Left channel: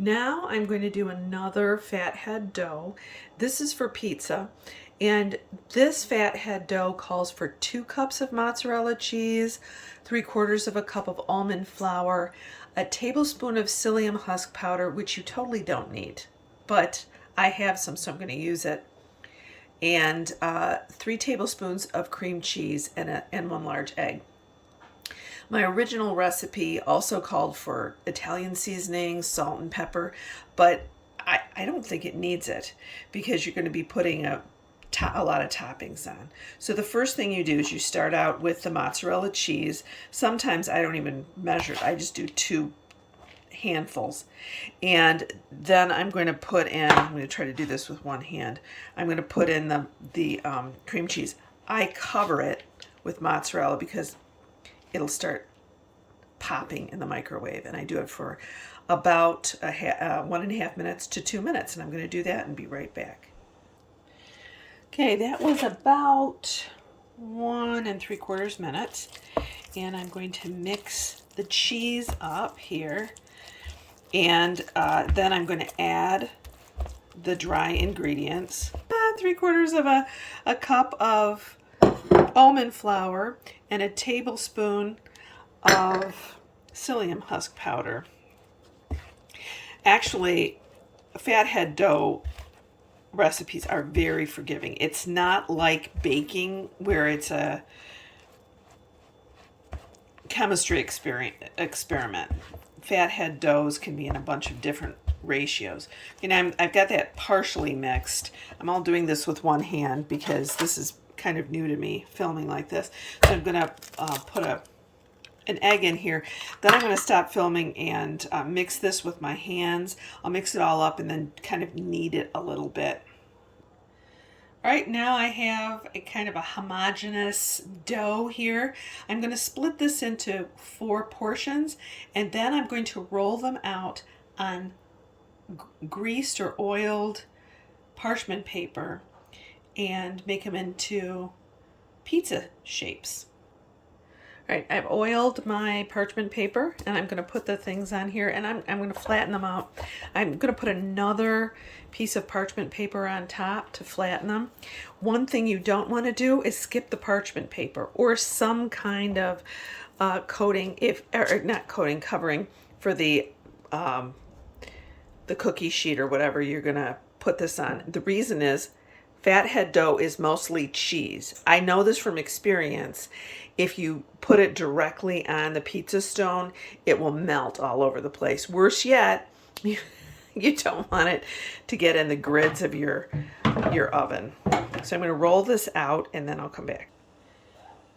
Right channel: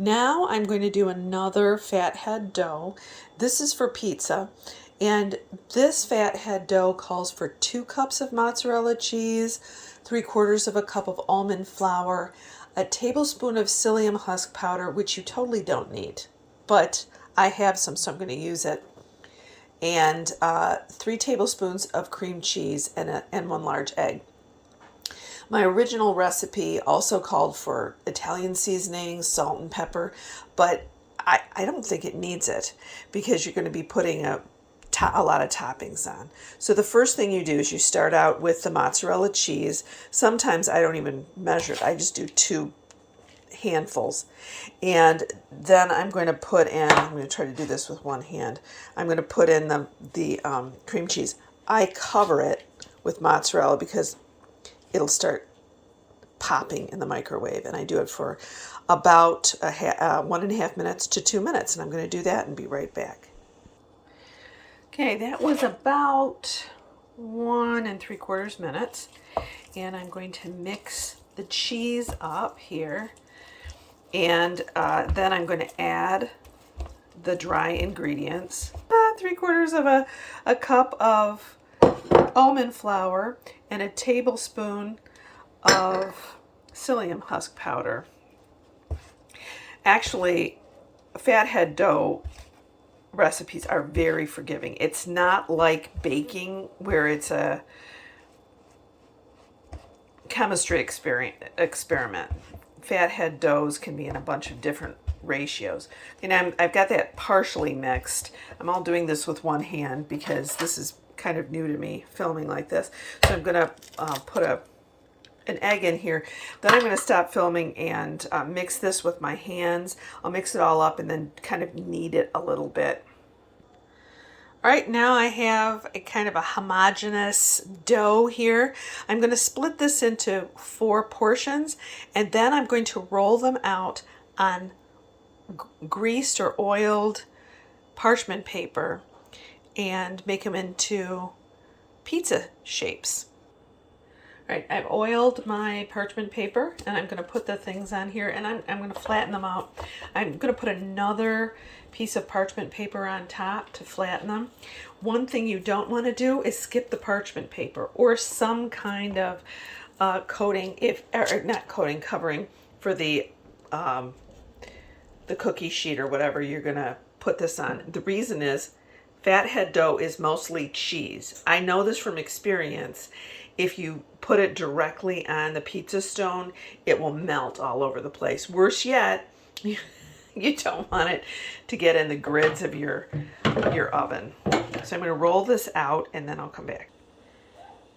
Now I'm going to do another Fathead dough. This is for pizza, and this Fathead dough calls for 2 cups of mozzarella cheese, 3/4 of a cup of almond flour, a tablespoon of psyllium husk powder, which you totally don't need, but I have some, so I'm going to use it, and 3 tablespoons of cream cheese and 1 large egg. My original recipe also called for Italian seasoning, salt and pepper, but I don't think it needs it because you're going to be putting a lot of toppings on. So the first thing you do is you start out with the mozzarella cheese. Sometimes I don't even measure it. I just do 2 handfuls. And then I'm going to put in, I'm going to try to do this with one hand. I'm going to put in the cream cheese. I cover it with mozzarella because it'll start popping in the microwave, and I do it for about 1.5 minutes to 2 minutes, and I'm going to do that and be right back. Okay, that was about 1 3/4 minutes, and I'm going to mix the cheese up here, and then I'm going to add the dry ingredients, 3/4 of a cup of almond flour and a tablespoon of psyllium husk powder. Actually, Fathead dough recipes are very forgiving. It's not like baking where it's a chemistry experiment. Fathead doughs can be in a bunch of different ratios. And I've got that partially mixed. I'm all doing this with one hand because this is kind of new to me, filming like this. So I'm going to put an egg in here. Then I'm going to stop filming and mix this with my hands. I'll mix it all up and then kind of knead it a little bit. All right, now I have a kind of a homogeneous dough here. I'm going to split this into 4 portions, and then I'm going to roll them out on greased or oiled parchment paper and make them into pizza shapes. All right, I've oiled my parchment paper, and I'm going to put the things on here, and I'm going to flatten them out. I'm going to put another piece of parchment paper on top to flatten them. One thing you don't want to do is skip the parchment paper or some kind of coating, or not coating, covering for the cookie sheet or whatever you're going to put this on. The reason is Fathead dough is mostly cheese. I know this from experience. If you put it directly on the pizza stone, it will melt all over the place. Worse yet, you don't want it to get in the grids of your oven. So I'm going to roll this out and then I'll come back.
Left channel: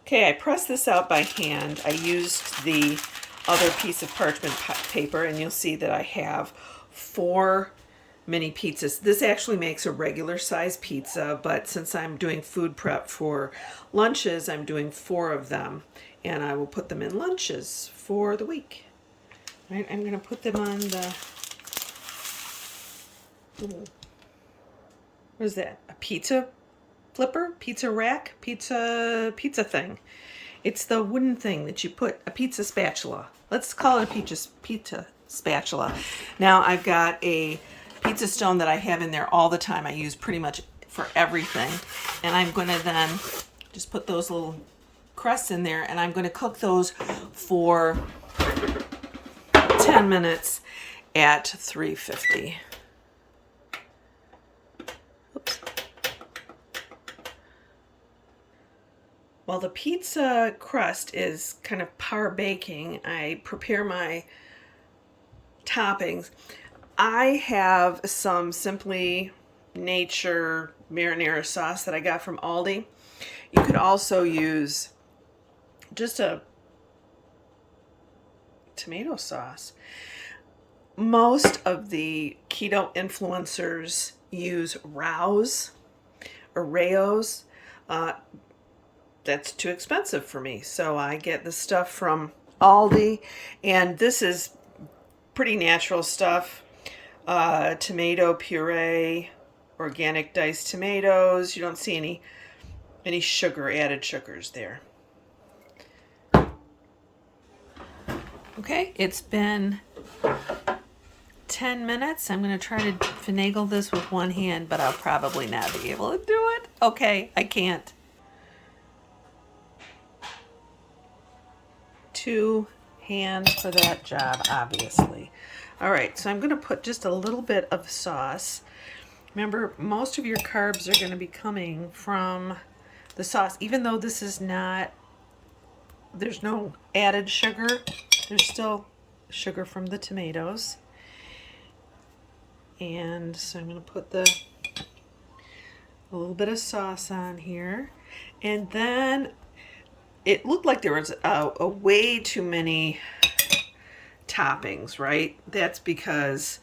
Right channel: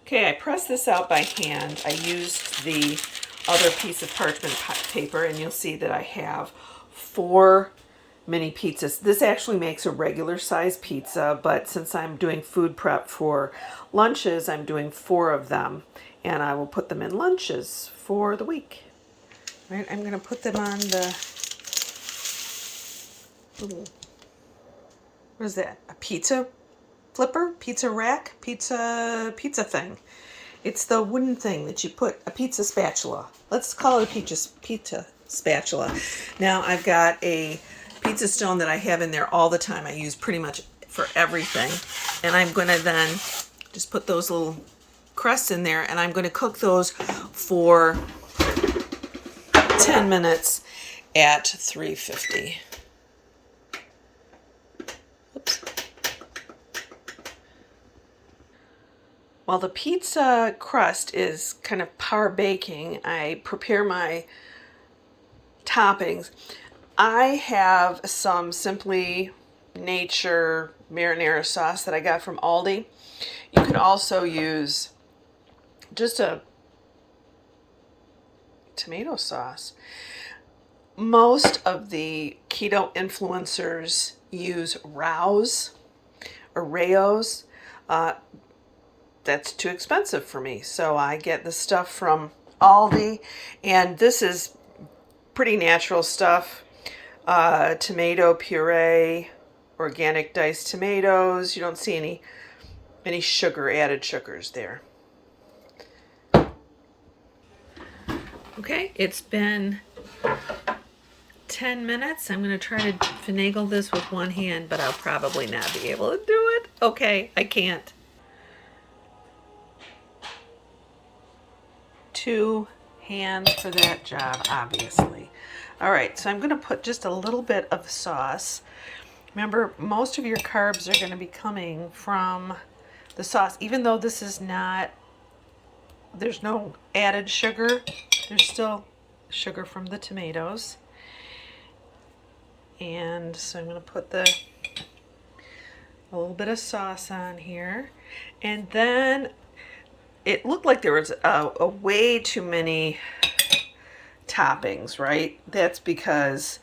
Okay, I pressed this out by hand. I used the other piece of parchment paper, and you'll see that I have 4 mini pizzas. This actually makes a regular size pizza, but since I'm doing food prep for lunches, I'm doing 4 of them, and I will put them in lunches for the week. All right, I'm going to put them on the, what is that? A pizza flipper? Pizza rack? Pizza thing. It's the wooden thing that you put, a pizza spatula. Let's call it a pizza spatula. Now I've got a pizza stone that I have in there all the time. I use pretty much for everything. And I'm going to then just put those little crusts in there, and I'm going to cook those for 10 minutes at 350. Oops. While the pizza crust is kind of par baking, I prepare my toppings. I have some Simply Nature marinara sauce that I got from Aldi. You could also use just a tomato sauce. Most of the keto influencers use Rao's or Rao's. That's too expensive for me, so I get the stuff from Aldi, and this is pretty natural stuff. Tomato puree, organic diced tomatoes. You don't see any sugar, added sugars there. Okay, it's been 10 minutes. I'm going to try to finagle this with one hand, but I'll probably not be able to do it. Okay, I can't. 2 hands for that job, obviously. All right, so I'm going to put just a little bit of sauce. Remember, most of your carbs are going to be coming from the sauce, even though this is not, there's no added sugar. There's still sugar from the tomatoes. And so I'm going to put a little bit of sauce on here. And then it looked like there was a way too many toppings, right? That's because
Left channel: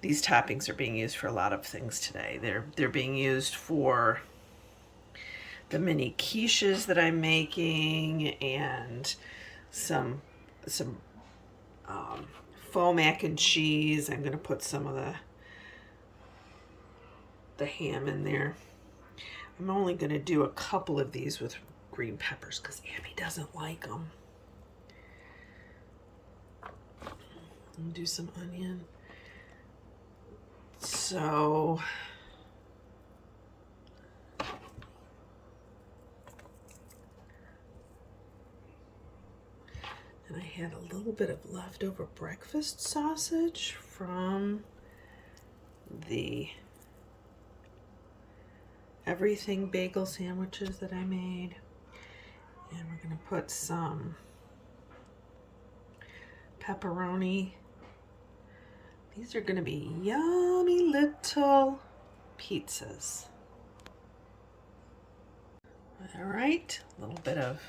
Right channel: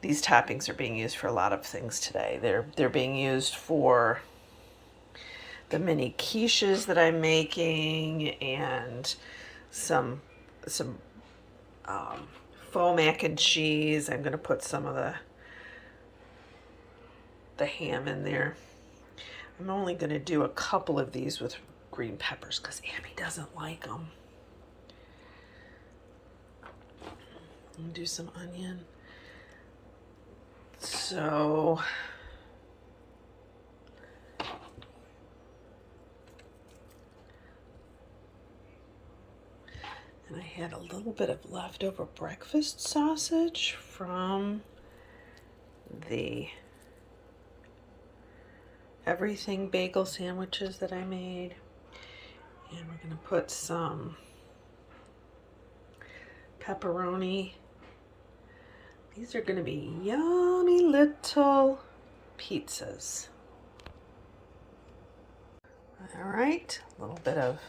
these toppings are being used for a lot of things today. They're being used for the mini quiches that I'm making, and some faux mac and cheese. I'm going to put some of the ham in there. I'm only going to do a couple of these with green peppers because Abby doesn't like them. I'm gonna do some onion. So and I had a little bit of leftover breakfast sausage from the everything bagel sandwiches that I made. And we're going to put some pepperoni. These are going to be yummy little pizzas. All right, a little bit of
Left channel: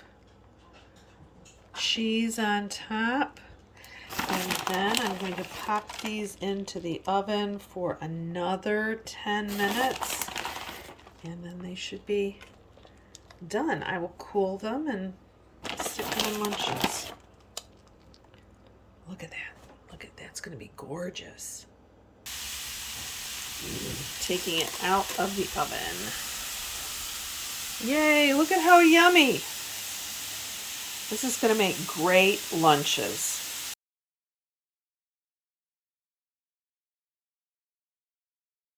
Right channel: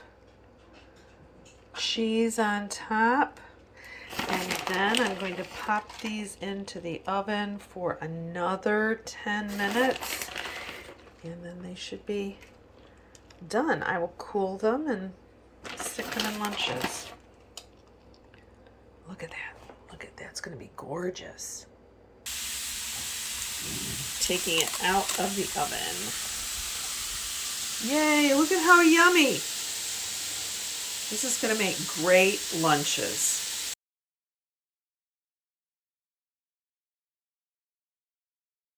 cheese on top. And then I'm going to pop these into the oven for another 10 minutes. And then they should be done. I will cool them and stick them in lunches. Look at that. Look at that. It's going to be gorgeous. Taking it out of the oven. Yay, look at how yummy. This is going to make great lunches.